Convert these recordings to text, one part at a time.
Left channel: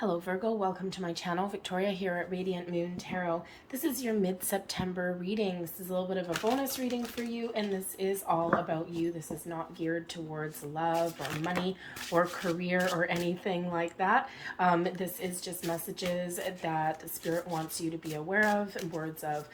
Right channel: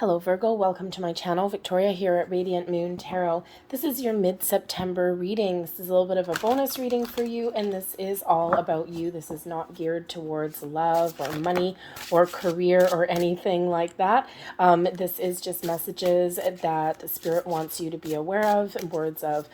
Hello Virgo, welcome to my channel. Victoria here at Radiant Moon Tarot. This is your mid-September reading. This is a little bit of a bonus reading for you, and this is all about you. This is not geared towards love or money or career or anything like that. This is just messages that Spirit wants you to be aware of, words of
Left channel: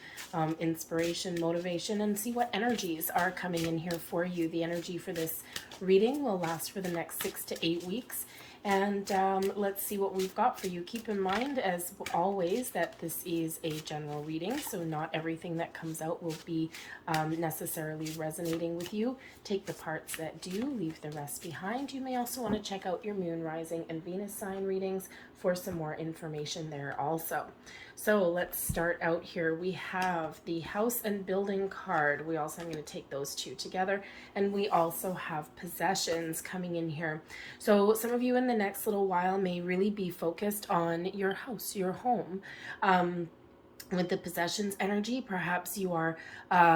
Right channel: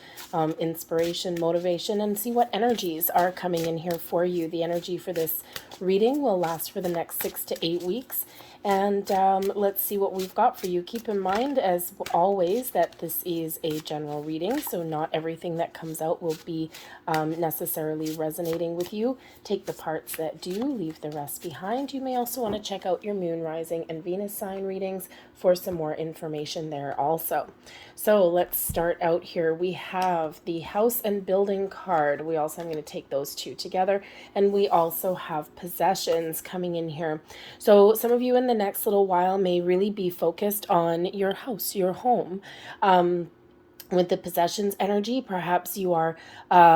inspiration, motivation, and see what energies are coming in here for you. The energy for this reading will last for the next 6 to 8 weeks. And let's see what we've got for you. Keep in mind, as always, that this is a general reading, so not everything that comes out will be necessarily resonating with you. Take the parts that do, leave the rest behind. You may also want to check out your moon, rising, and Venus sign readings for some more information there also. So let's start out here. We have the house and building card. I'm going to take those two together. And we also have possessions coming in here. So some of you in the next little while may really be focused on your house, your home. With the possessions energy, perhaps you are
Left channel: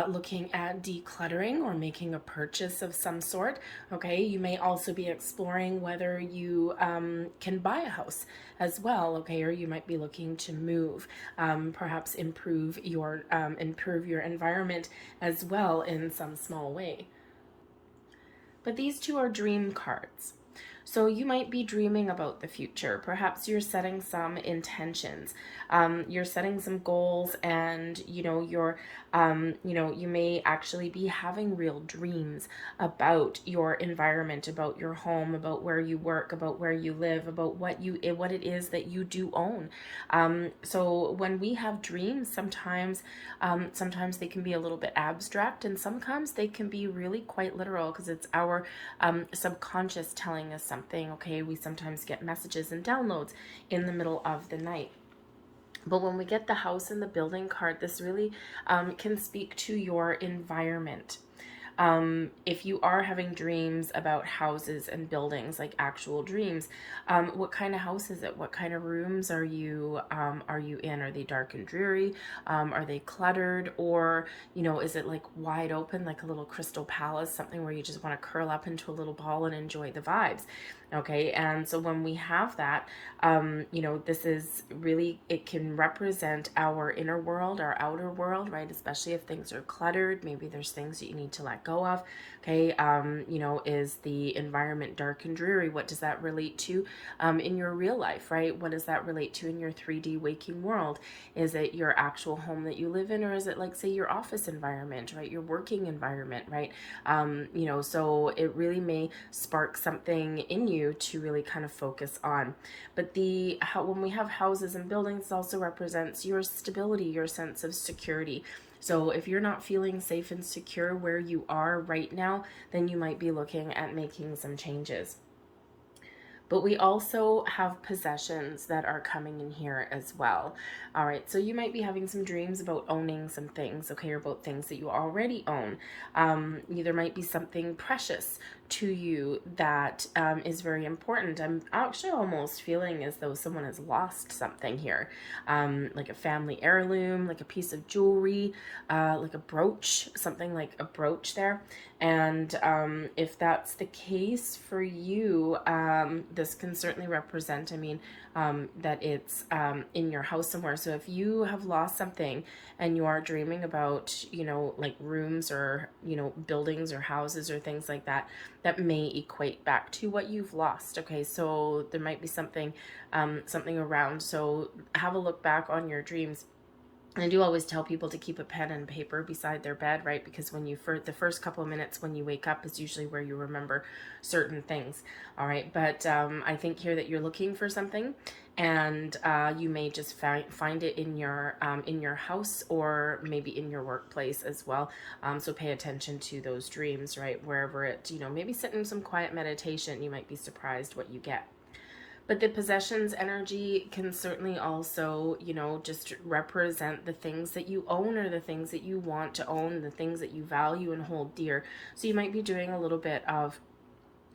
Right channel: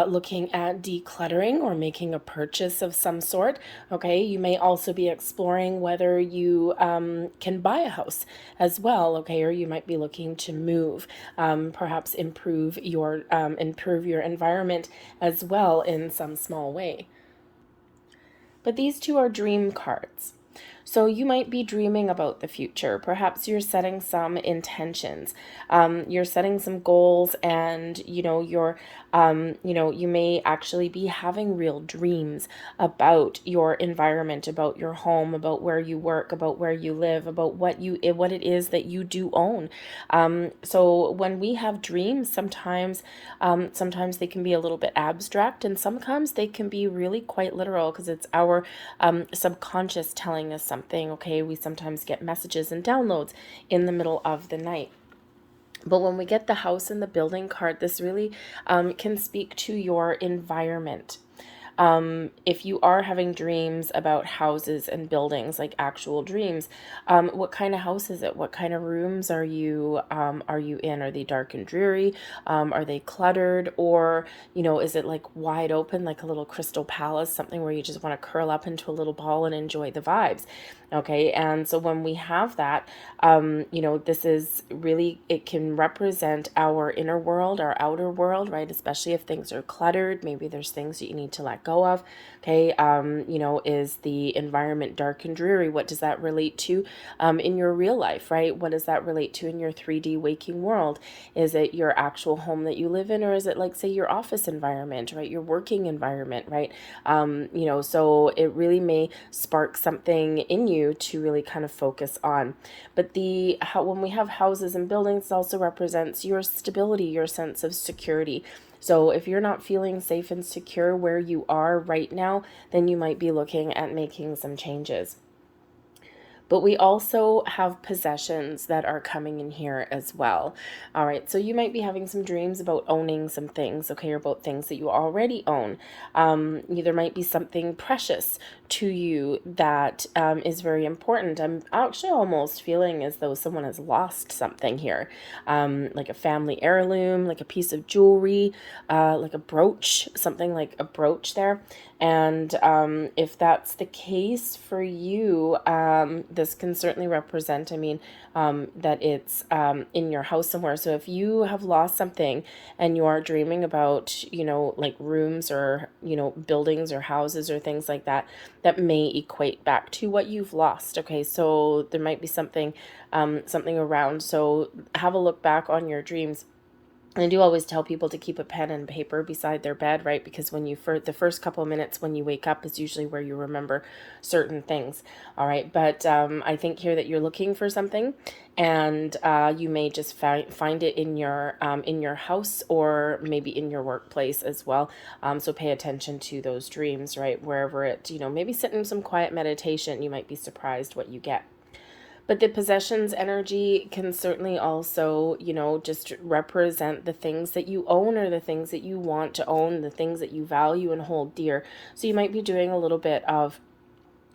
looking at decluttering or making a purchase of some sort. Okay, you may also be exploring whether you can buy a house as well. Okay, or you might be looking to move, perhaps improve your environment as well in some small way. But these two are dream cards. So you might be dreaming about the future. Perhaps you're setting some intentions. You're setting some goals, and you may actually be having real dreams about your environment, about your home, about where you work, about where you live, about what it is that you do own. So when we have dreams, sometimes they can be a little bit abstract, and sometimes they can be really quite literal, because it's our subconscious telling us something. Okay, we sometimes get messages and downloads in the middle of the night. But when we get the house and the building card, this really can speak to your environment. If you are having dreams about houses and buildings, like actual dreams, what kind of house is it? What kind of rooms are you in? Are they dark and dreary? Are they cluttered? Or, is it like wide open, like a little crystal palace, something where you just want to curl up into a little ball and enjoy the vibes? Okay, and so when we have that, this is really, it can represent our inner world, our outer world, right? Especially if things are cluttered, maybe there's things that you need to let go of. Okay, is the environment dark and dreary? What does that relate to in your real life, right? What does that relate to in your 3D waking world? Is it your actual home that you live in, or is it, like, say, your office environment, right? Your working environment, right? So it really may spark something in you to really kind of focus on. But when we have houses and buildings, it also represents your stability, your sense of security. So if you're not feeling safe and secure where you are right now, then you might be looking at making some changes. But we also have possessions that are coming in here as well. All right, so you might be having some dreams about owning some things, okay, or about things that you already own. There might be something precious to you that is very important. I'm actually almost feeling as though someone has lost something here, like a family heirloom, like a piece of jewelry, like a brooch, something like a brooch there. And if that's the case for you, this can certainly represent, that it's in your house somewhere. So if you have lost something and you are dreaming about, like rooms or, buildings or houses or things like that, that may equate back to what you've lost. Okay, so there might be something around. So have a look back on your dreams. And I do always tell people to keep a pen and paper beside their bed, right? Because the first couple of minutes when you wake up is usually where you remember certain things. All right, but I think here that you're looking for something, and you may just find it in your house, or maybe in your workplace as well. So pay attention to those dreams, right? Wherever maybe sit in some quiet meditation. You might be surprised what you get. But the possessions energy can certainly also, just represent the things that you own, or the things that you want to own, the things that you value and hold dear. So you might be doing a little bit of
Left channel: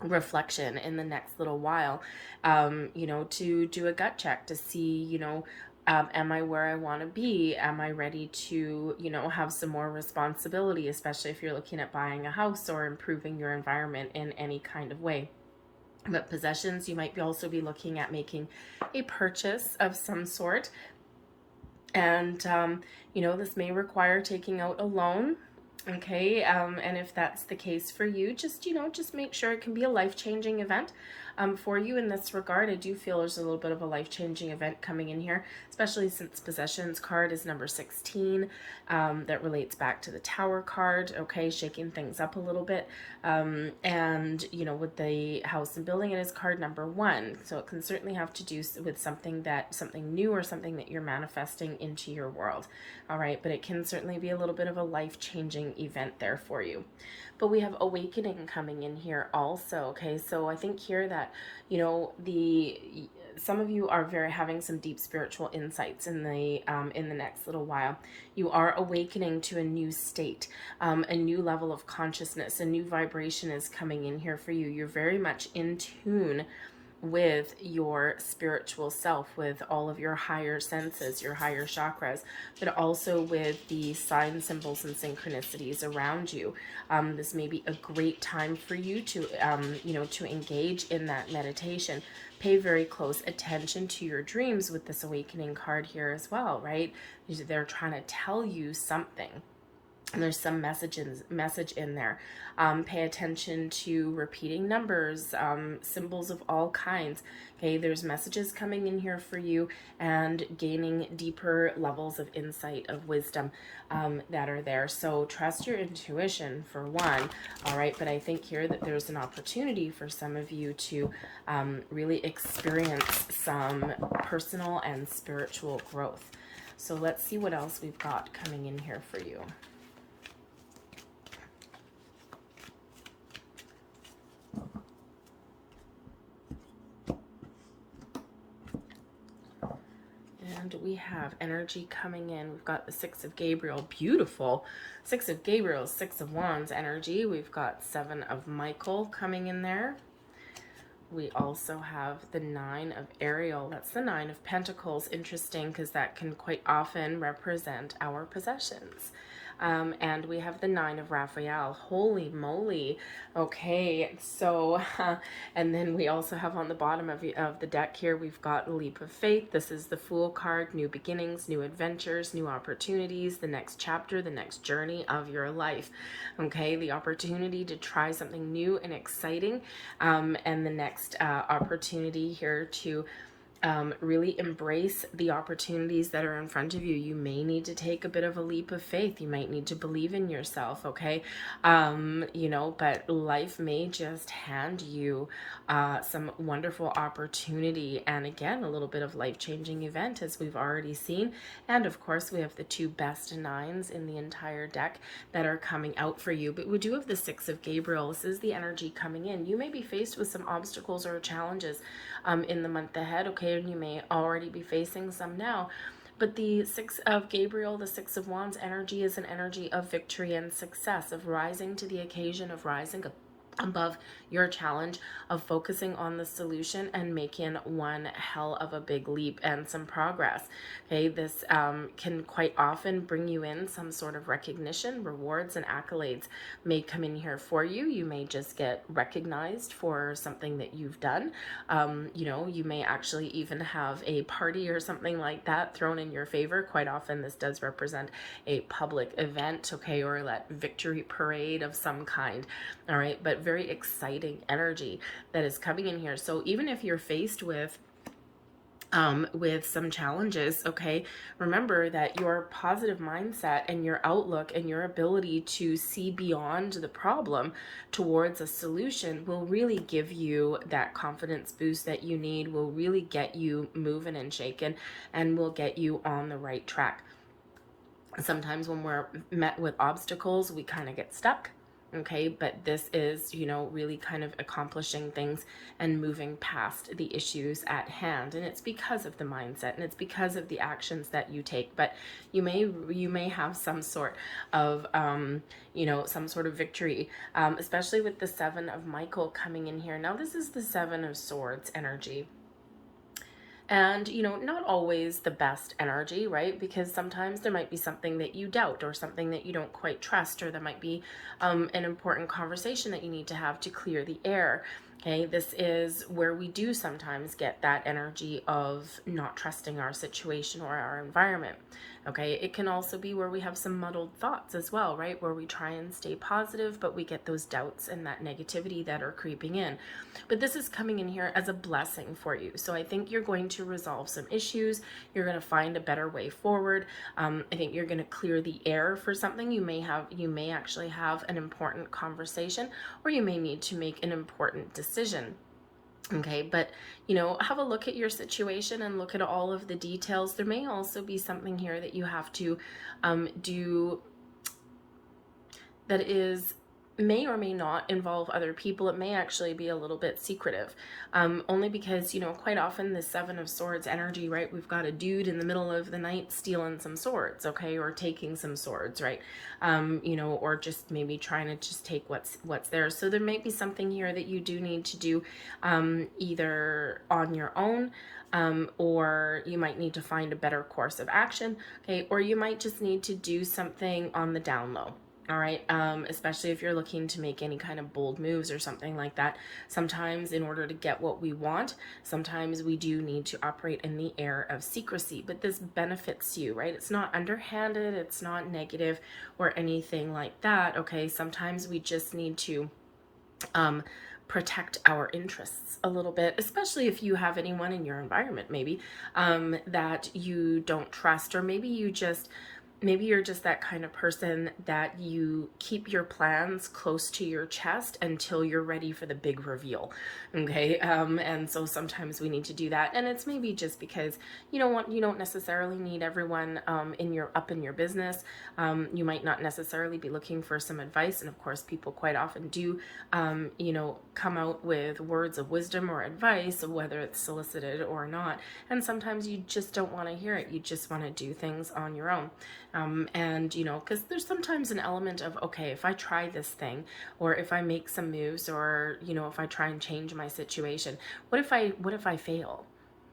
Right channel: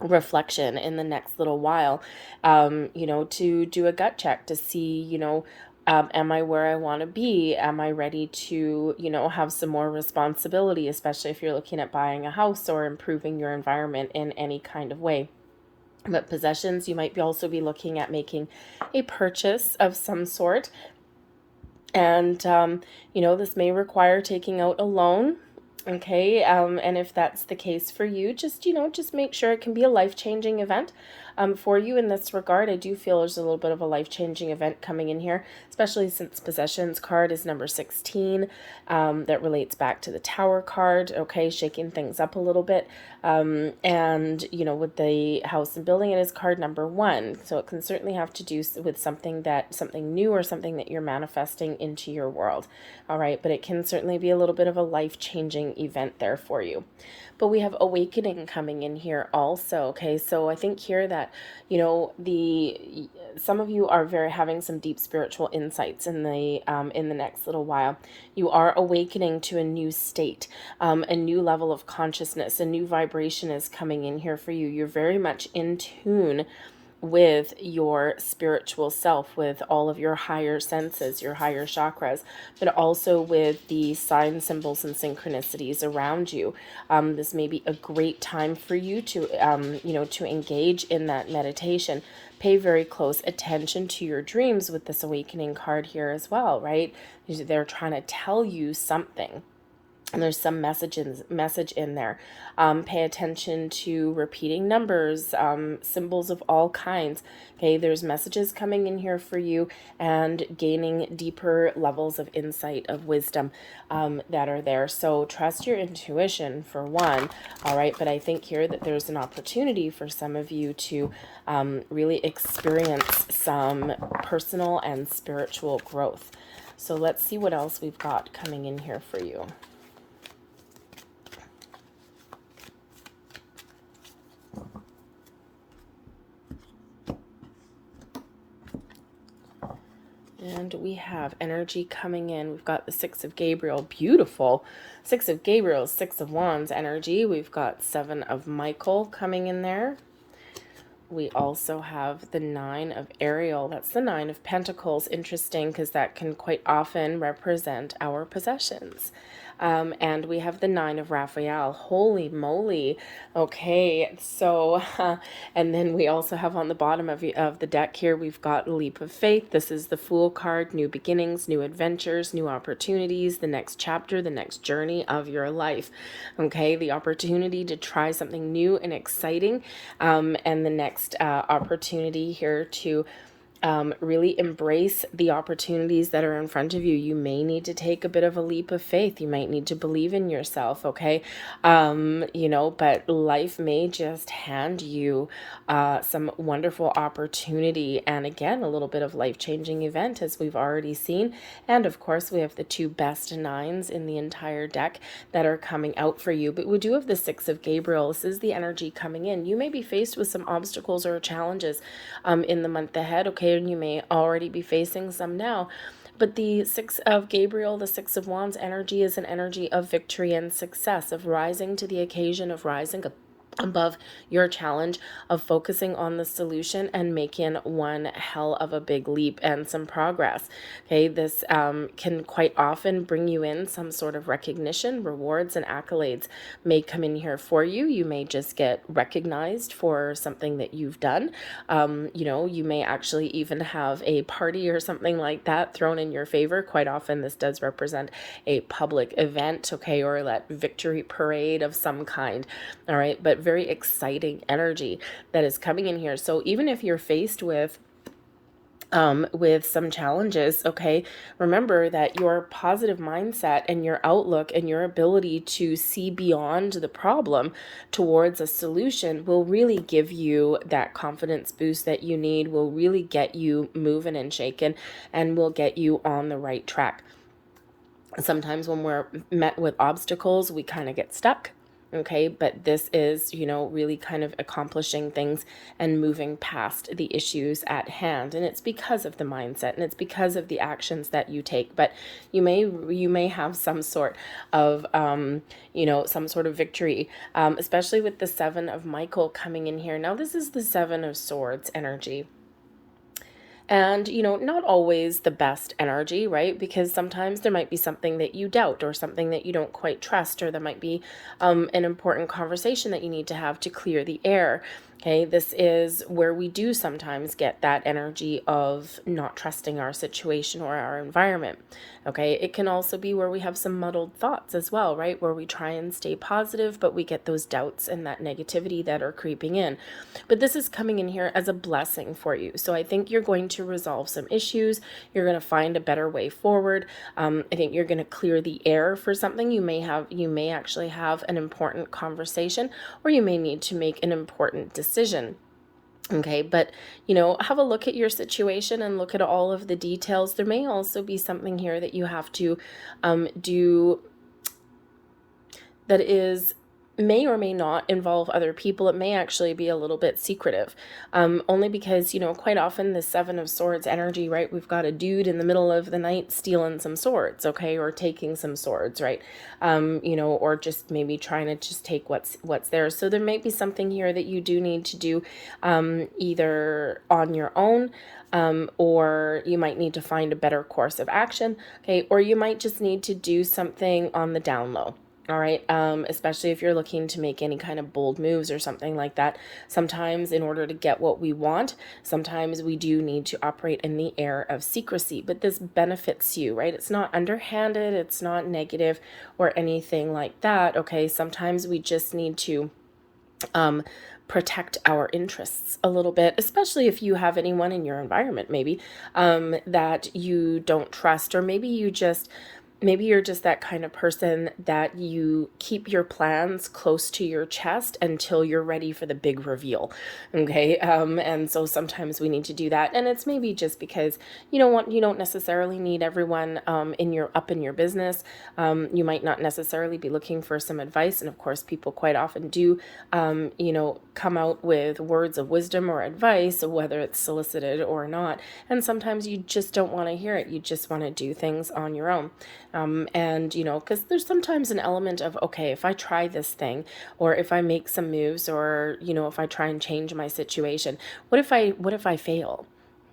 reflection in the next little while, to do a gut check to see, am I where I want to be? Am I ready to, have some more responsibility, especially if you're looking at buying a house or improving your environment in any kind of way. But possessions, you might also be looking at making a purchase of some sort. And, this may require taking out a loan. Okay. And if that's the case for you, just make sure it can be a life-changing event. For you in this regard, I do feel there's a little bit of a life-changing event coming in here, especially since possessions card is number 16. That relates back to the Tower card, okay, shaking things up a little bit. And, with the house and building, it is card number 1. So it can certainly have to do with something new or something that you're manifesting into your world. All right, but it can certainly be a little bit of a life-changing event there for you. But we have awakening coming in here also. Okay, so I think here that some of you are having some deep spiritual insights in the next little while. You are awakening to a new state, a new level of consciousness, a new vibration is coming in here for you. You're very much in tune with your spiritual self, with all of your higher senses, your higher chakras, but also with the sign symbols and synchronicities around you. This may be a great time for you to, to engage in that meditation. Pay very close attention to your dreams with this awakening card here as well, right? They're trying to tell you something. And there's some message in there. Pay attention to repeating numbers, symbols of all kinds. Okay, there's messages coming in here for you and gaining deeper levels of insight, of wisdom that are there. So trust your intuition for one, all right? But I think here that there's an opportunity for some of you to really experience some personal and spiritual growth. So let's see what else we've got coming in here for you. And we have energy coming in. We've got the Six of Gabriel, beautiful. Six of Gabriel, Six of Wands energy. We've got Seven of Michael coming in there. We also have the Nine of Ariel. That's the Nine of Pentacles. Interesting, because that can quite often represent our possessions. And we have the Nine of Raphael. Holy moly. Okay, so, and then we also have on the bottom of the deck here, we've got Leap of Faith. This is the Fool card, new beginnings, new adventures, new opportunities, the next chapter, the next journey of your life. Okay, the opportunity to try something new and exciting, and the next opportunity here to really embrace the opportunities that are in front of you. You may need to take a bit of a leap of faith. You might need to believe in yourself, okay? But life may just hand you some wonderful opportunity, and again, a little bit of life-changing event, as we've already seen. And of course, we have the two best nines in the entire deck that are coming out for you. But we do have the Six of Gabriel. This is the energy coming in. You may be faced with some obstacles or challenges in the month ahead, okay? And you may already be facing some now. But the Six of Gabriel, the Six of Wands energy, is an energy of victory and success, of rising to the occasion, of rising above your challenge, of focusing on the solution and making one hell of a big leap and some progress. Okay, this can quite often bring you in some sort of recognition, rewards, and accolades may come in here for you. You may just get recognized for something that you've done. You may actually even have a party or something like that thrown in your favor. Quite often this does represent a public event, okay, or that victory parade of some kind. All right, but very exciting energy that is coming in here. So even if you're faced with some challenges, okay, remember that your positive mindset and your outlook and your ability to see beyond the problem towards a solution will really give you that confidence boost that you need, will really get you moving and shaking, and will get you on the right track. Sometimes when we're met with obstacles, we kind of get stuck. Okay, but this is, really kind of accomplishing things and moving past the issues at hand. And it's because of the mindset, and it's because of the actions that you take. But you may have some sort of, some sort of victory, especially with the Seven of Michael coming in here. Now, this is the Seven of Swords energy. And, not always the best energy, right? Because sometimes there might be something that you doubt, or something that you don't quite trust, or there might be an important conversation that you need to have to clear the air. Okay, this is where we do sometimes get that energy of not trusting our situation or our environment. Okay, it can also be where we have some muddled thoughts as well, right? Where we try and stay positive, but we get those doubts and that negativity that are creeping in. But this is coming in here as a blessing for you. So I think you're going to resolve some issues. You're going to find a better way forward. I think you're going to clear the air for something. You may actually have an important conversation, or you may need to make an important decision. Okay, but have a look at your situation and look at all of the details. There may also be something here that you have to do that is may or may not involve other people. It may actually be a little bit secretive, only because quite often the Seven of Swords energy, right? We've got a dude in the middle of the night stealing some swords, okay, or taking some swords, right? Or just maybe trying to just take what's there. So there may be something here that you do need to do, either on your own, or you might need to find a better course of action, okay, or you might just need to do something on the down low. All right, especially if you're looking to make any kind of bold moves or something like that. Sometimes in order to get what we want, sometimes we do need to operate in the air of secrecy, but this benefits you, right? It's not underhanded, it's not negative or anything like that, okay? Sometimes we just need to protect our interests a little bit, especially if you have anyone in your environment maybe that you don't trust, or maybe you're just that kind of person that you keep your plans close to your chest until you're ready for the big reveal. Okay. And so sometimes we need to do that. And it's maybe just because you don't necessarily need everyone in your business. You might not necessarily be looking for some advice. And of course, people quite often do, come out with words of wisdom or advice, whether it's solicited or not. And sometimes you just don't want to hear it. You just want to do things on your own. Because there's sometimes an element of, okay, if I try this thing, or if I make some moves, or, if I try and change my situation, what if I fail?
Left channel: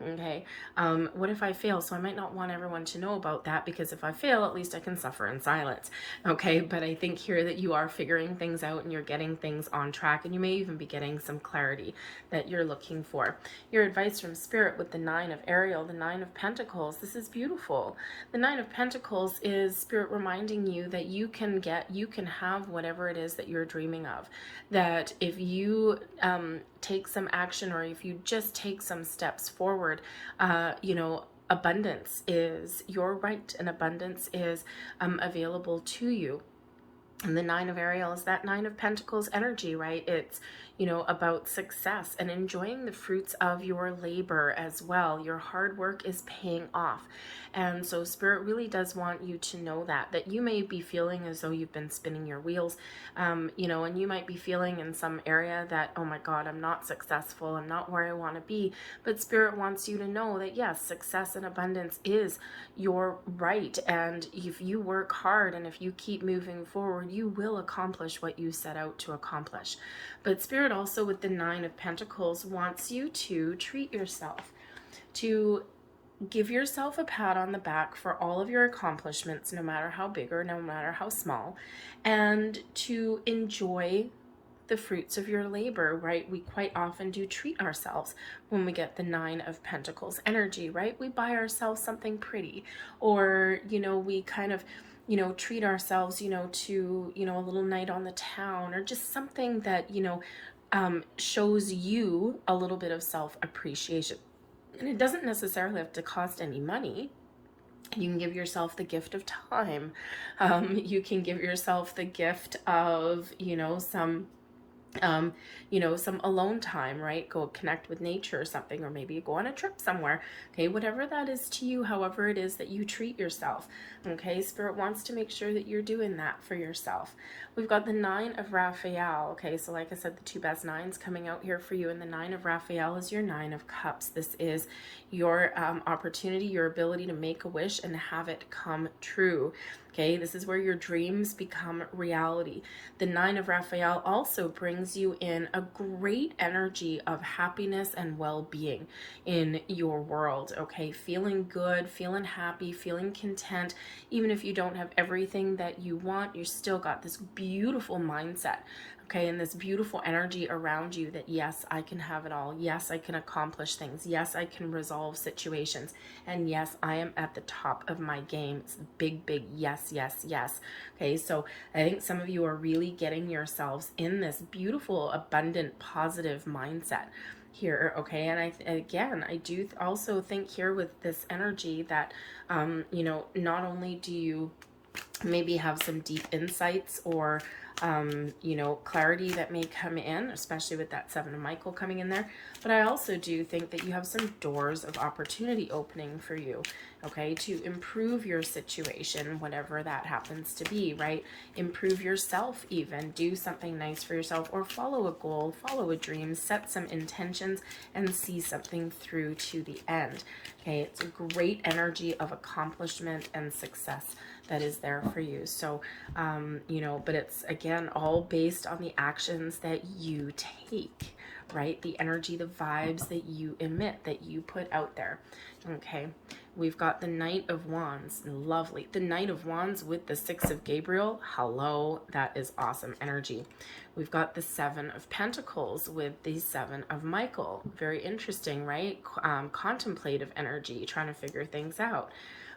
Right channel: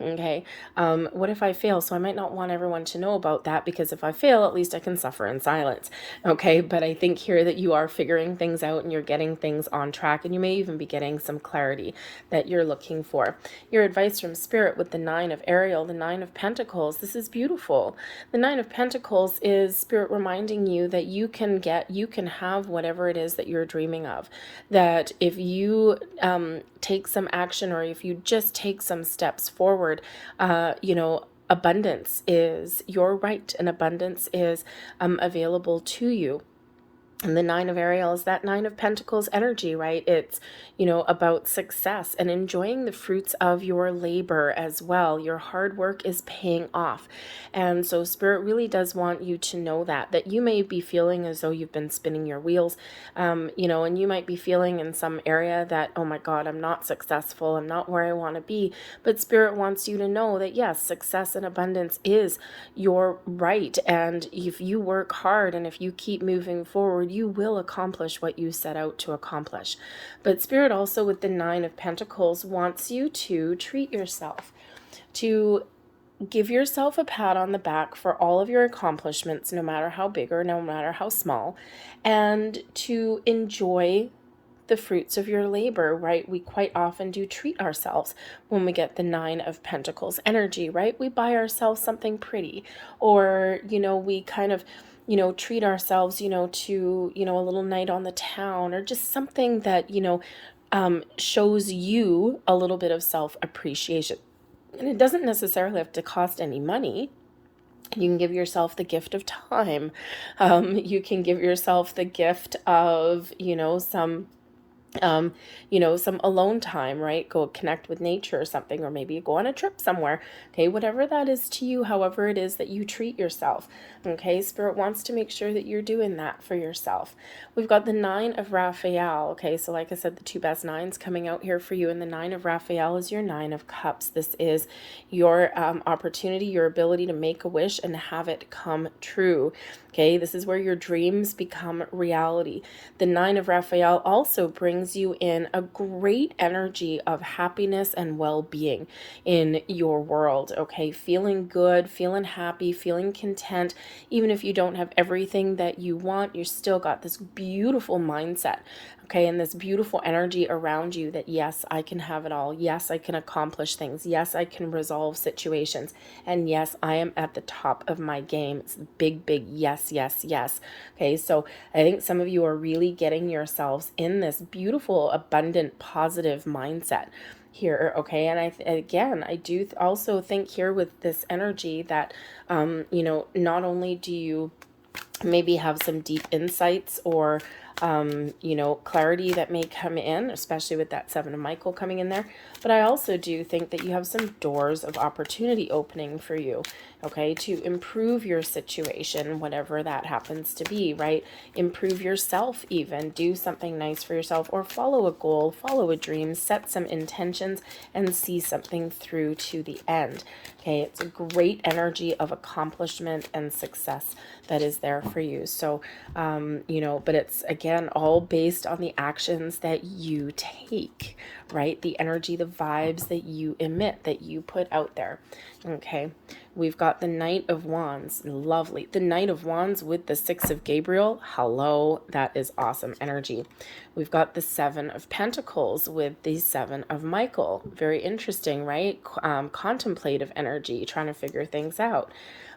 Okay. What if I fail? So I might not want everyone to know about that, because if I fail, at least I can suffer in silence. Okay. But I think here that you are figuring things out and you're getting things on track, and you may even be getting some clarity that you're looking for. Your advice from Spirit with the Nine of Ariel, the Nine of Pentacles. This is beautiful. The Nine of Pentacles is Spirit reminding you that you can have whatever it is that you're dreaming of. That if you take some action, or if you just take some steps forward, abundance is your right, and abundance is available to you. And the Nine of Ariel is that Nine of Pentacles energy, right? It's, about success and enjoying the fruits of your labor as well. Your hard work is paying off. And so Spirit really does want you to know that you may be feeling as though you've been spinning your wheels, and you might be feeling in some area that, oh my God, I'm not successful. I'm not where I want to be. But Spirit wants you to know that yes, success and abundance is your right. And if you work hard and if you keep moving forward, you will accomplish what you set out to accomplish. But Spirit also with the Nine of Pentacles wants you to treat yourself, to give yourself a pat on the back for all of your accomplishments, no matter how big or no matter how small, and to enjoy the fruits of your labor, right? We quite often do treat ourselves when we get the Nine of Pentacles energy, right? We buy ourselves something pretty, or, we kind of, treat ourselves, to, a little night on the town, or just something that, shows you a little bit of self-appreciation. And it doesn't necessarily have to cost any money. You can give yourself the gift of time. You can give yourself the gift of, some alone time, right? Go connect with nature or something, or maybe go on a trip somewhere. Okay, whatever that is to you, however it is that you treat yourself. Okay, Spirit wants to make sure that you're doing that for yourself. We've got the Nine of Raphael. Okay, so like I said, the two best nines coming out here for you, and the Nine of Raphael is your Nine of Cups. This is your opportunity, your ability to make a wish and have it come true. Okay, this is where your dreams become reality. The Nine of Raphael also brings you in a great energy of happiness and well-being in your world. Okay, feeling good, feeling happy, feeling content. Even if you don't have everything that you want, you still got this beautiful mindset. Okay, and this beautiful energy around you that yes, I can have it all. Yes, I can accomplish things. Yes, I can resolve situations. And yes, I am at the top of my game. It's big, big yes, yes, yes. Okay, so I think some of you are really getting yourselves in this beautiful, abundant, positive mindset here. Okay, and again, I do also think here with this energy that, you know, not only do you maybe have some deep insights or you know, clarity that may come in, especially with that Seven of Michael coming in there. But I also do think that you have some doors of opportunity opening for you, okay, to improve your situation, whatever that happens to be, right? Improve yourself even, do something nice for yourself, or follow a goal, follow a dream, set some intentions, and see something through to the end, okay? It's a great energy of accomplishment and success that is there for you. So, you know, but it's again all based on the actions that you take, right? The energy, the vibes that you emit, that you put out there. Okay, we've got the Knight of Wands, lovely. The Knight of Wands with the Six of Gabriel, hello, that is awesome energy. We've got the Seven of Pentacles with the Seven of Michael, very interesting, right? Contemplative energy, trying to figure things out.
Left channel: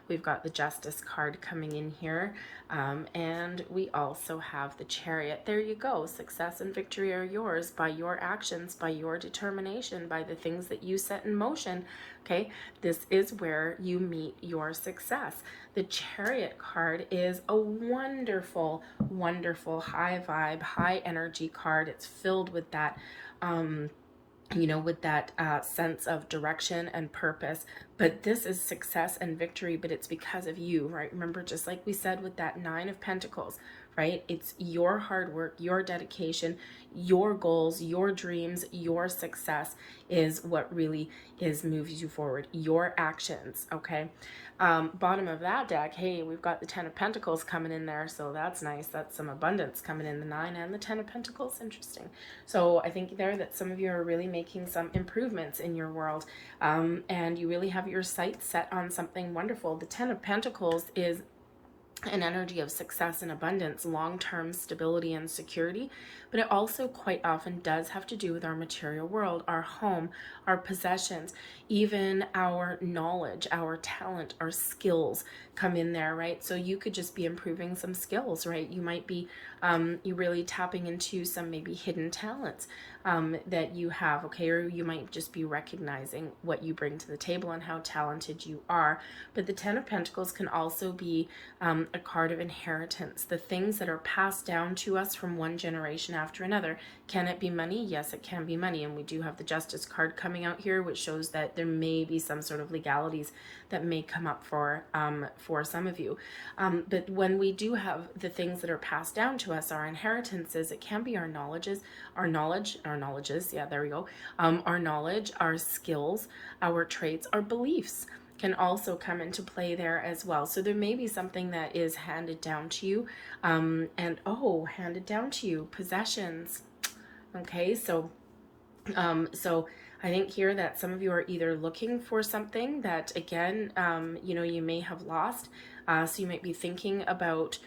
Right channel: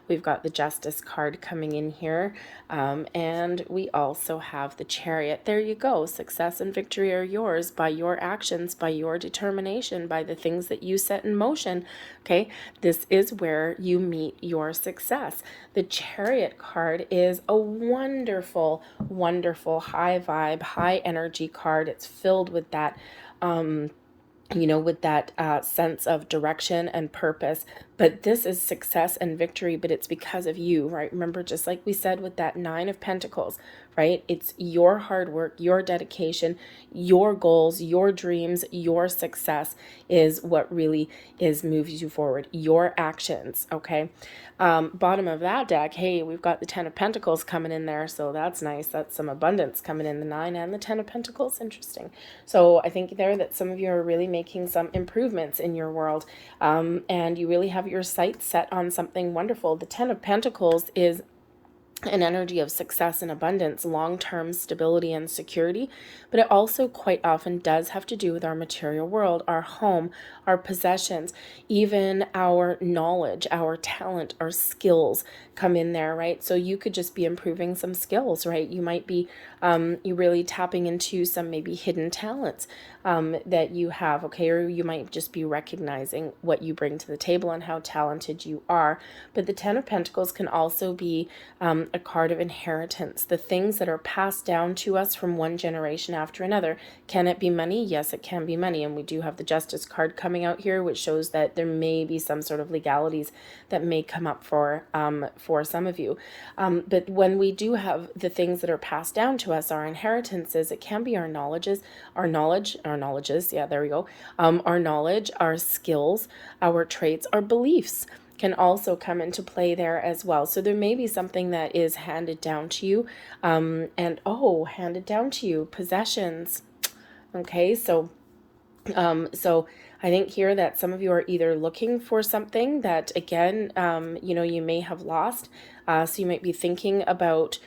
We've got the Justice card coming in here, and we also have the Chariot. There you go. Success and victory are yours by your actions, by your determination, by the things that you set in motion. Okay, this is where you meet your success. The Chariot card is a wonderful, wonderful high vibe, high energy card. It's filled with that you know, with that sense of direction and purpose. But this is success and victory, but it's because of you, right? Remember, just like we said with that Nine of Pentacles, right? It's your hard work, your dedication, your goals, your dreams, your success is what really moves you forward. Your actions, okay? Bottom of that deck, hey, we've got the Ten of Pentacles coming in there, so that's nice. That's some abundance coming in, the Nine and the Ten of Pentacles. Interesting. So I think there that some of you are really making some improvements in your world, and you really have your sights set on something wonderful. The Ten of Pentacles is an energy of success and abundance, long-term stability and security, but it also quite often does have to do with our material world, our home, our possessions, even our knowledge, our talent, our skills come in there, right? So you could just be improving some skills, right? You might be you really tapping into some maybe hidden talents that you have, okay? Or you might just be recognizing what you bring to the table and how talented you are. But the Ten of Pentacles can also be a card of inheritance, the things that are passed down to us from one generation after another. Can it be money? Yes, it can be money. And we do have the Justice card coming out here, which shows that there may be some sort of legalities that may come up for some of you. But when we do have the things that are passed down to us, our inheritances, it can be our knowledges, our knowledges, yeah, there we go. Our knowledge, our skills, our traits, our beliefs can also come into play there as well. So there may be something that is handed down to you, handed down to you, possessions. Okay, so I think here that some of you are either looking for something that, again, you know, you may have lost. So you might be thinking about,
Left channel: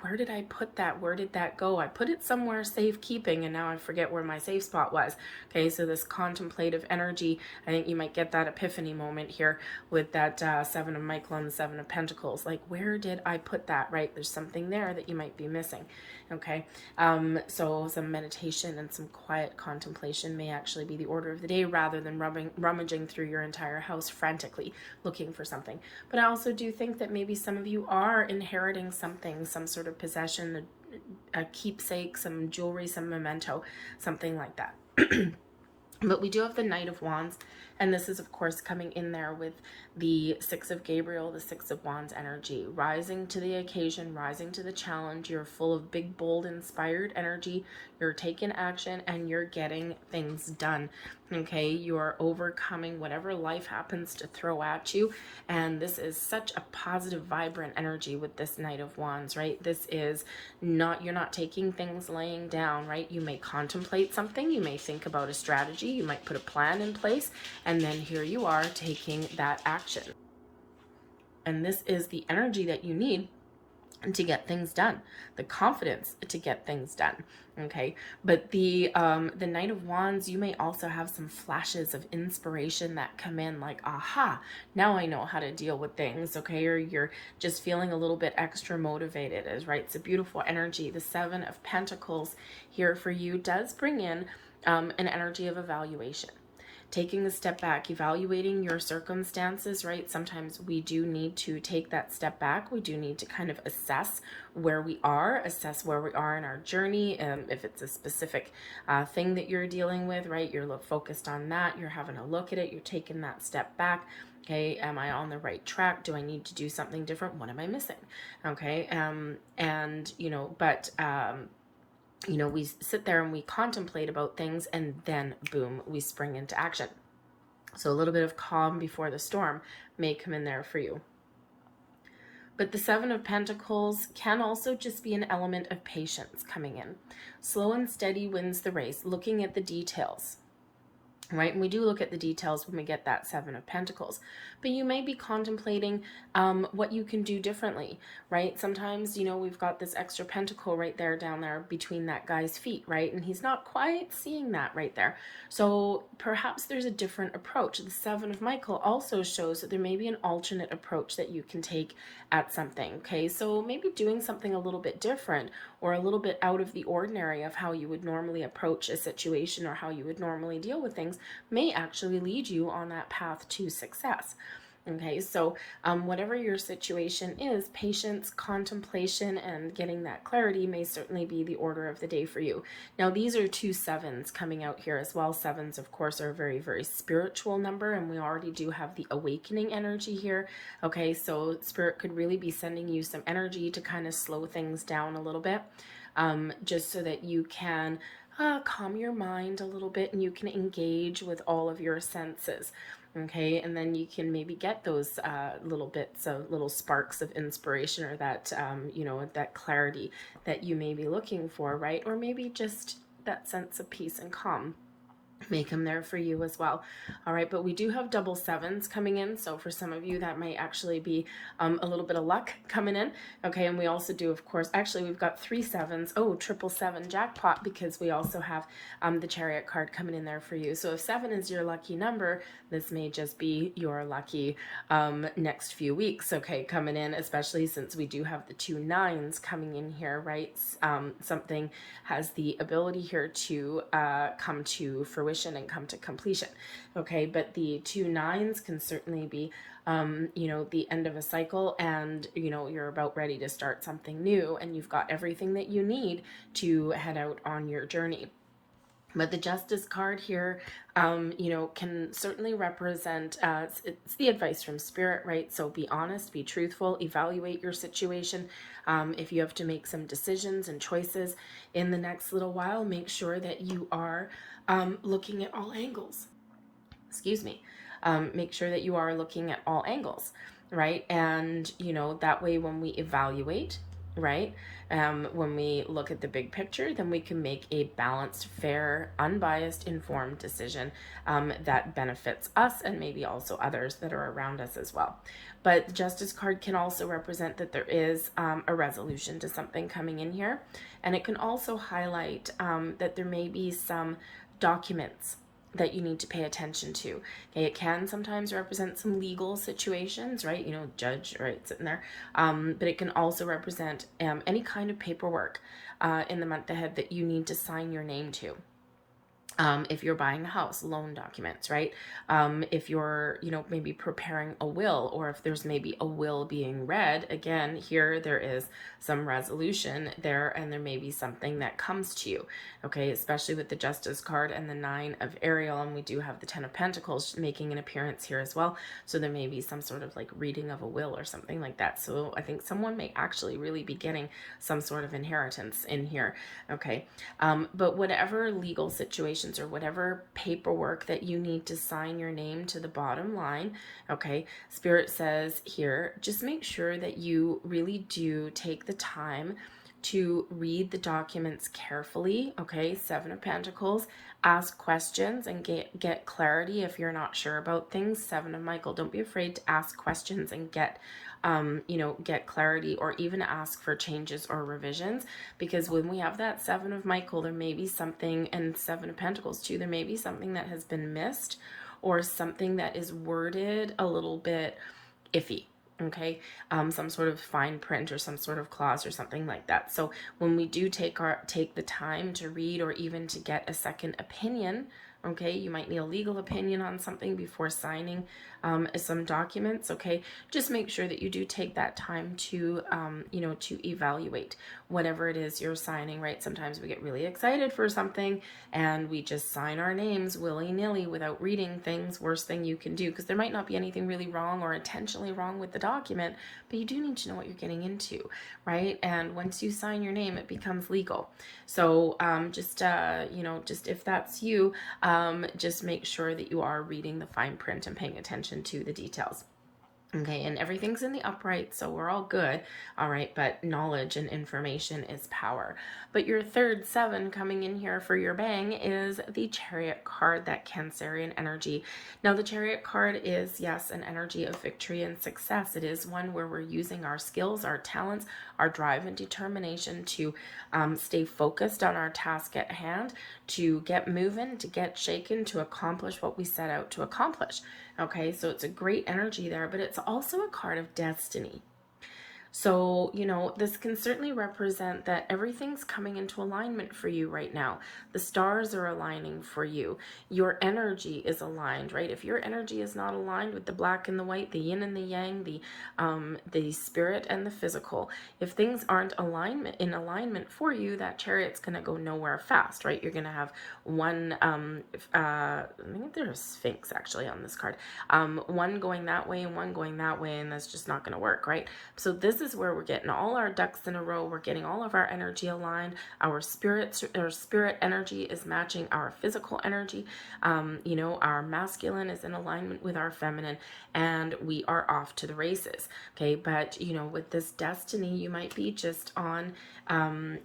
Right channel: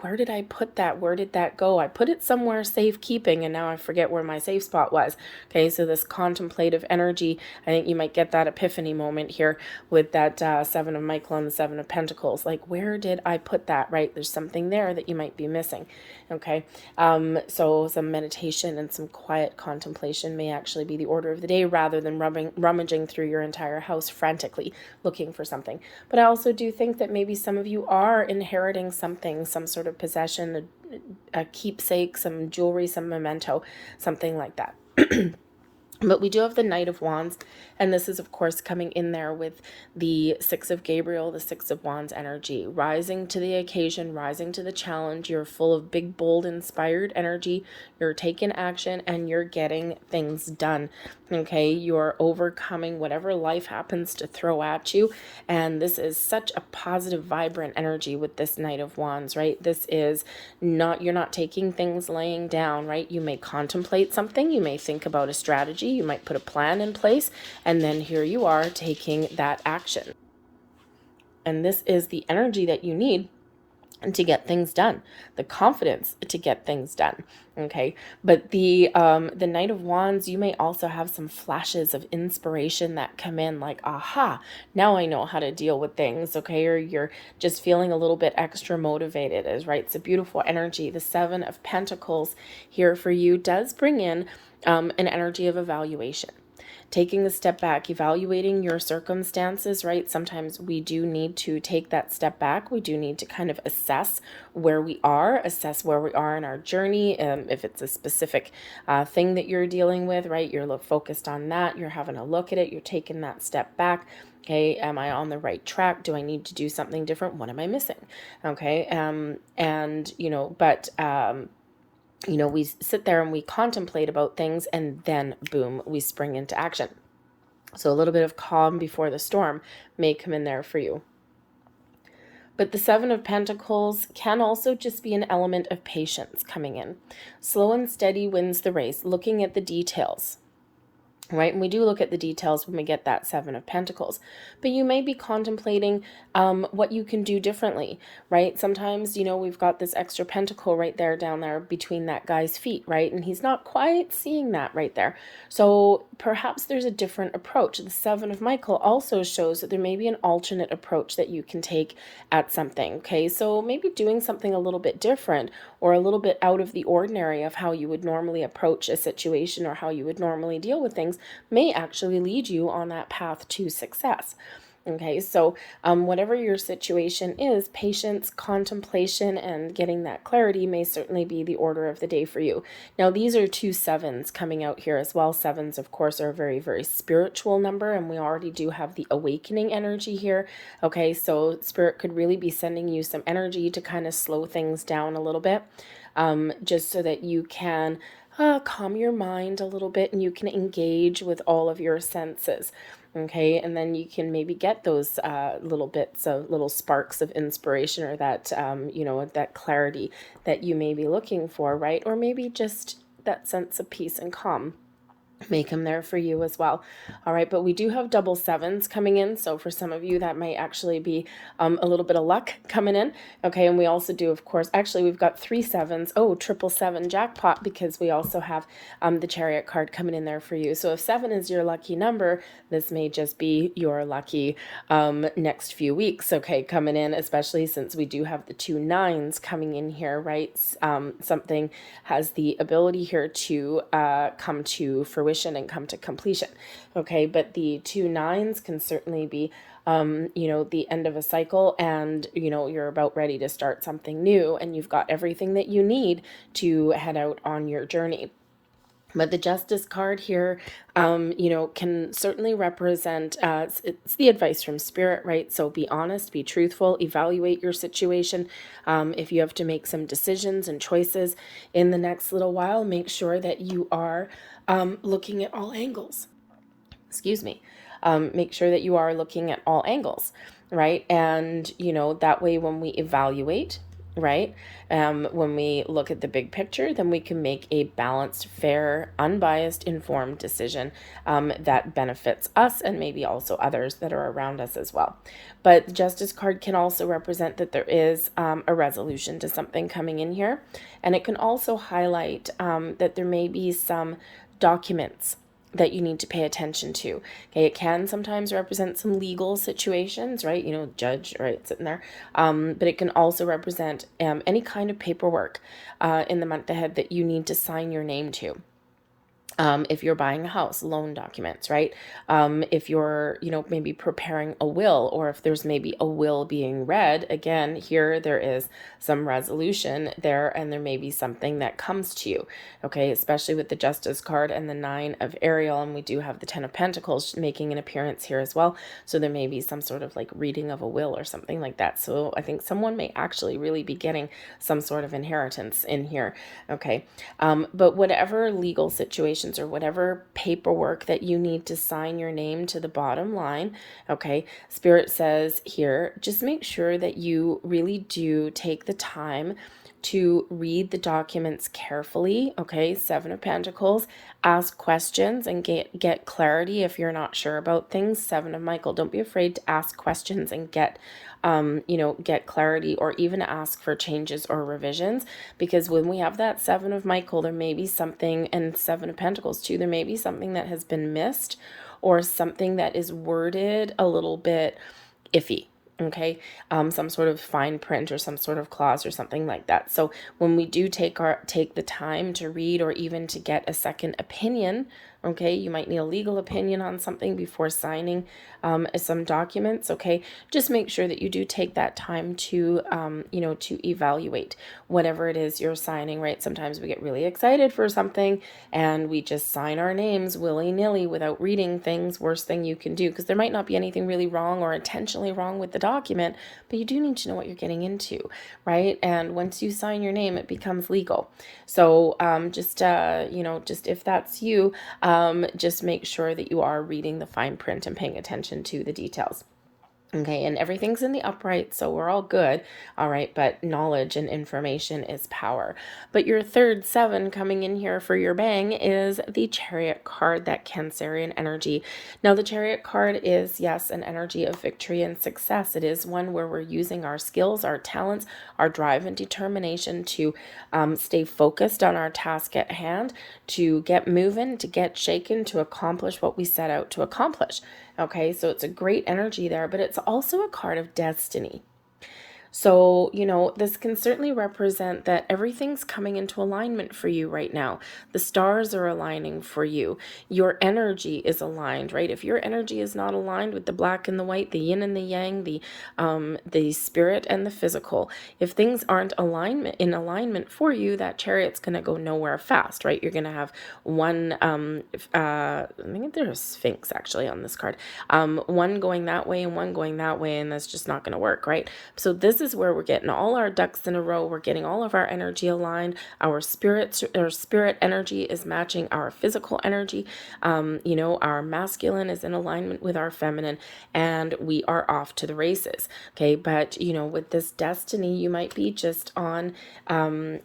where did I put that? Where did that go? I put it somewhere safekeeping and now I forget where my safe spot was. Okay, so this contemplative energy, I think you might get that epiphany moment here with that Seven of Michael and the Seven of Pentacles. Like, where did I put that, right? There's something there that you might be missing. Okay, so some meditation and some quiet contemplation may actually be the order of the day rather than rummaging through your entire house frantically looking for something. But I also do think that maybe some of you are inheriting something, some sort of possession, a keepsake, some jewelry, some memento, something like that. But we do have the Knight of Wands, and this is, of course, coming in there with the Six of Gabriel, the Six of Wands energy, rising to the occasion, rising to the challenge. You're full of big, bold, inspired energy. You're taking action, and you're getting things done, okay? You're overcoming whatever life happens to throw at you, and this is such a positive, vibrant energy with this Knight of Wands, right? This is not, you're not taking things laying down, right? You may contemplate something. You may think about a strategy. You might put a plan in place, and then here you are taking that action. And this is the energy that you need to get things done, the confidence to get things done. Okay, but the Knight of Wands, you may also have some flashes of inspiration that come in, like, aha, now I know how to deal with things. Okay, or you're just feeling a little bit extra motivated, is right. It's a beautiful energy. The Seven of Pentacles here for you does bring in an energy of evaluation, taking a step back, evaluating your circumstances, right? Sometimes we do need to take that step back. We do need to kind of assess where we are in our journey. If it's a specific thing that you're dealing with, right? You're focused on that. You're having a look at it. You're taking that step back. Okay, am I on the right track? Do I need to do something different? What am I missing? Okay, we sit there and we contemplate about things, and then boom, we spring into action. So a little bit of calm before the storm may come in there for you. But the Seven of Pentacles can also just be an element of patience coming in. Slow and steady wins the race, looking at the details. Right? And we do look at the details when we get that Seven of Pentacles, but you may be contemplating what you can do differently, right? Sometimes, we've got this extra pentacle right there, down there between that guy's feet, right? And he's not quite seeing that right there. So perhaps there's a different approach. The Seven of Michael also shows that there may be an alternate approach that you can take at something, okay? So maybe doing something a little bit different, or a little bit out of the ordinary of how you would normally approach a situation or how you would normally deal with things, may actually lead you on that path to success. Okay, so whatever your situation is, patience, contemplation, and getting that clarity may certainly be the order of the day for you. Now, these are two sevens coming out here as well. Sevens, of course, are a very, very spiritual number, and we already do have the awakening energy here. Okay, so Spirit could really be sending you some energy to kind of slow things down a little bit, just so that you can calm your mind a little bit and you can engage with all of your senses. Okay, and then you can maybe get those little bits of little sparks of inspiration, or that, that clarity that you may be looking for, right? Or maybe just that sense of peace and calm may come there for you as well. All right, but we do have double sevens coming in, so for some of you that might actually be a little bit of luck coming in. Okay, and we also do, of course, actually we've got three sevens. Oh, triple seven jackpot, because we also have the Chariot card coming in there for you. So if 7 is your lucky number, this may just be your lucky next few weeks, okay, coming in, especially since we do have the 2 9s coming in here, right? Something has the ability here to come to fruition and come to completion. Okay, but the 2 9s can certainly be the end of a cycle, and you're about ready to start something new, and you've got everything that you need to head out on your journey. But the Justice card here, can certainly represent, it's the advice from Spirit, right? So be honest, be truthful, evaluate your situation. If you have to make some decisions and choices in the next little while, make sure that you are looking at all angles. Excuse me. Make sure that you are looking at all angles, right? And, that way when we evaluate, right? When we look at the big picture, then we can make a balanced, fair, unbiased, informed decision that benefits us and maybe also others that are around us as well. But the Justice card can also represent that there is a resolution to something coming in here. And it can also highlight that there may be some documents that you need to pay attention to. Okay, it can sometimes represent some legal situations, right? Judge, right, sitting there. But it can also represent any kind of paperwork in the month ahead that you need to sign your name to. If you're buying a house, loan documents, right? If you're, maybe preparing a will, or if there's maybe a will being read, again, here there is some resolution there, and there may be something that comes to you, okay? Especially with the Justice card and the 9 of Ariel, and we do have the 10 of Pentacles making an appearance here as well. So there may be some sort of like reading of a will or something like that. So I think someone may actually really be getting some sort of inheritance in here, okay? But whatever legal situation or whatever paperwork that you need to sign your name to the bottom line, okay, Spirit says here, just make sure that you really do take the time to read the documents carefully, okay? Seven of Pentacles. Ask questions and get clarity if you're not sure about things. Seven of Michael. Don't be afraid to ask questions and get get clarity, or even ask for changes or revisions, because when we have that Seven of Michael, there may be something, and Seven of Pentacles too, there may be something that has been missed, or something that is worded a little bit iffy. Okay, some sort of fine print or some sort of clause or something like that. So when we do take the time to read, or even to get a second opinion, okay, you might need a legal opinion on something before signing some documents. Okay, just make sure that you do take that time to to evaluate whatever it is you're signing, right? Sometimes we get really excited for something and we just sign our names willy-nilly without reading things. Worst thing you can do, because there might not be anything really wrong or intentionally wrong with the document, but you do need to know what you're getting into, right? And once you sign your name, it becomes legal. So just if that's you, just make sure that you are reading the fine print and paying attention to the details. Okay, and everything's in the upright, so we're all good. All right, but knowledge and information is power. But your third seven coming in here for your bang is the Chariot card, that Cancerian energy. Now, the Chariot card is, yes, an energy of victory and success. It is one where we're using our skills, our talents, our drive and determination to stay focused on our task at hand, to get moving, to get shaken, to accomplish what we set out to accomplish. Okay, so it's a great energy there, but it's also a card of destiny. So, this can certainly represent that everything's coming into alignment for you right now. The stars are aligning for you. Your energy is aligned, right? If your energy is not aligned with the black and the white, the yin and the yang, the spirit and the physical, if things aren't in alignment for you, that Chariot's going to go nowhere fast, right? You're going to have one, I think there's a Sphinx actually on this card, one going that way and one going that way, and that's just not going to work, right? So this is where we're getting all our ducks in a row. We're getting all of our energy aligned. Our spirit energy is matching our physical energy. Our masculine is in alignment with our feminine, and we are off to the races. Okay, but with this destiny, you might be just on,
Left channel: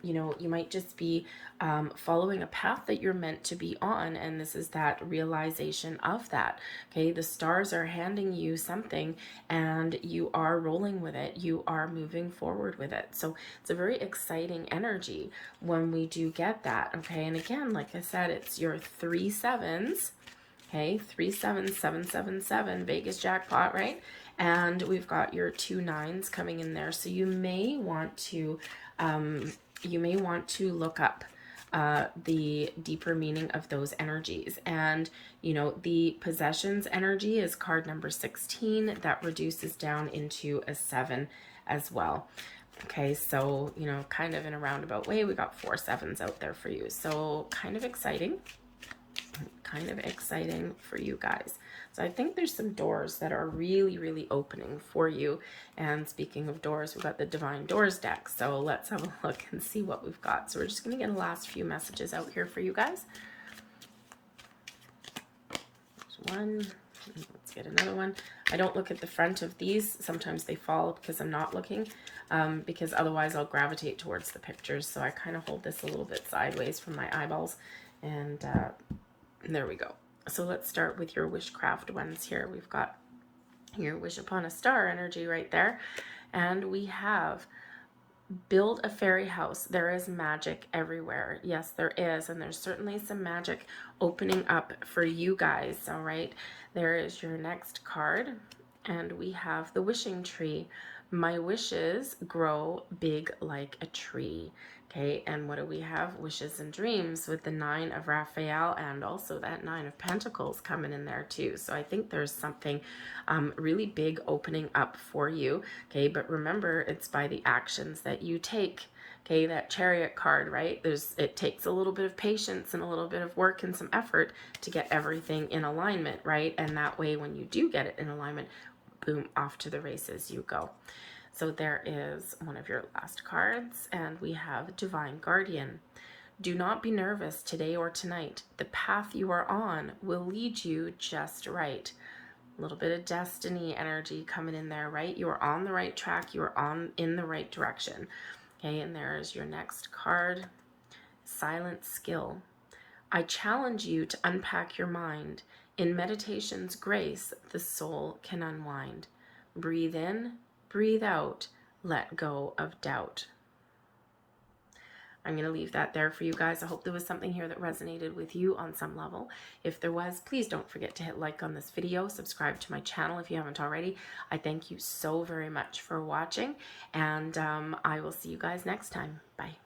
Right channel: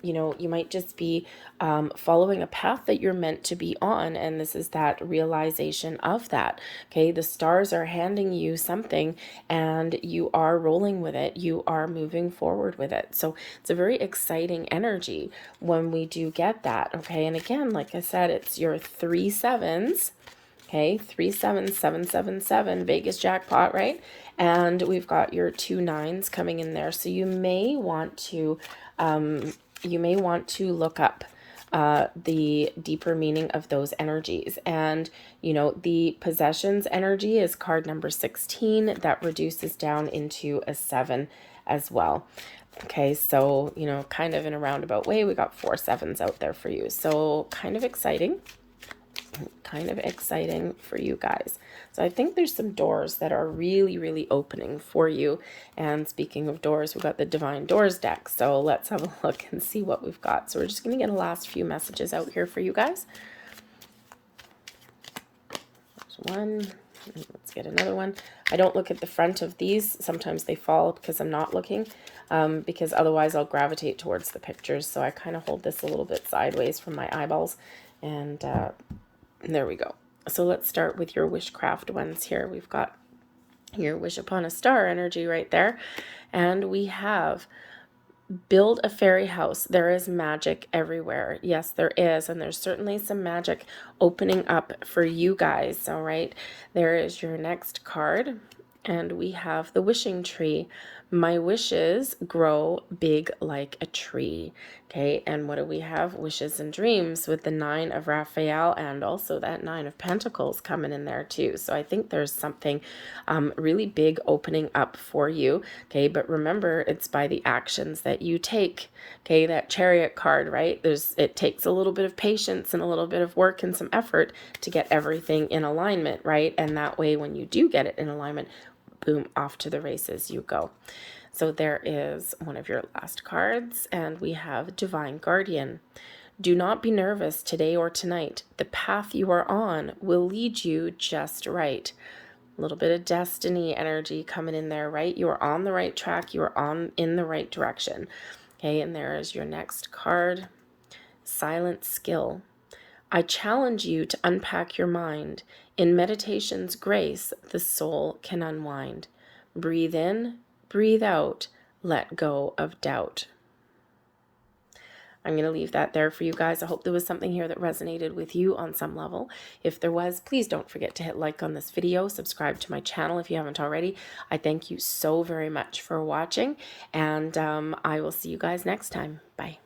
you might just be following a path that you're meant to be on, and this is that realization of that. Okay, the stars are handing you something, and you are rolling with it. You are moving forward with it. So it's a very exciting energy when we do get that. Okay, and again, like I said, it's your 3 sevens. Okay, 37777, Vegas jackpot, right? And we've got your 2 nines coming in there. So you may want to look up the deeper meaning of those energies. And the possessions energy is card number 16, that reduces down into a 7 as well. Okay, so kind of in a roundabout way, we got 4 sevens out there for you. So kind of exciting for you guys. So I think there's some doors that are really, really opening for you. And speaking of doors, we've got the Divine Doors deck. So let's have a look and see what we've got. So we're just going to get the last few messages out here for you guys. There's one. Let's get another one. I don't look at the front of these. Sometimes they fall because I'm not looking, because otherwise I'll gravitate towards the pictures. So I kind of hold this a little bit sideways from my eyeballs. And there we go. So let's start with your wishcraft ones here. We've got your wish upon a star energy right there. And we have build a fairy house. There is magic everywhere. Yes, there is. And there's certainly some magic opening up for you guys. All right. There is your next card. And we have the wishing tree. My wishes grow big like a tree. Okay, and what do we have? Wishes and dreams with the 9 of Raphael, and also that 9 of Pentacles coming in there too. So I think there's something really big opening up for you. Okay, but remember, it's by the actions that you take. Okay, that Chariot card, right? It takes a little bit of patience and a little bit of work and some effort to get everything in alignment, right? And that way, when you do get it in alignment, boom, off to the races you go. So there is one of your last cards, and we have Divine Guardian. Do not be nervous today or tonight. The path you are on will lead you just right. A little bit of destiny energy coming in there, right? You are on the right track. You are in the right direction. Okay, and there is your next card. Silent skill. I challenge you to unpack your mind. In meditation's grace, the soul can unwind. Breathe in, breathe out, let go of doubt. I'm going to leave that there for you guys. I hope there was something here that resonated with you on some level. If there was, please don't forget to hit like on this video, subscribe to my channel if you haven't already. I thank you so very much for watching, and I will see you guys next time. Bye.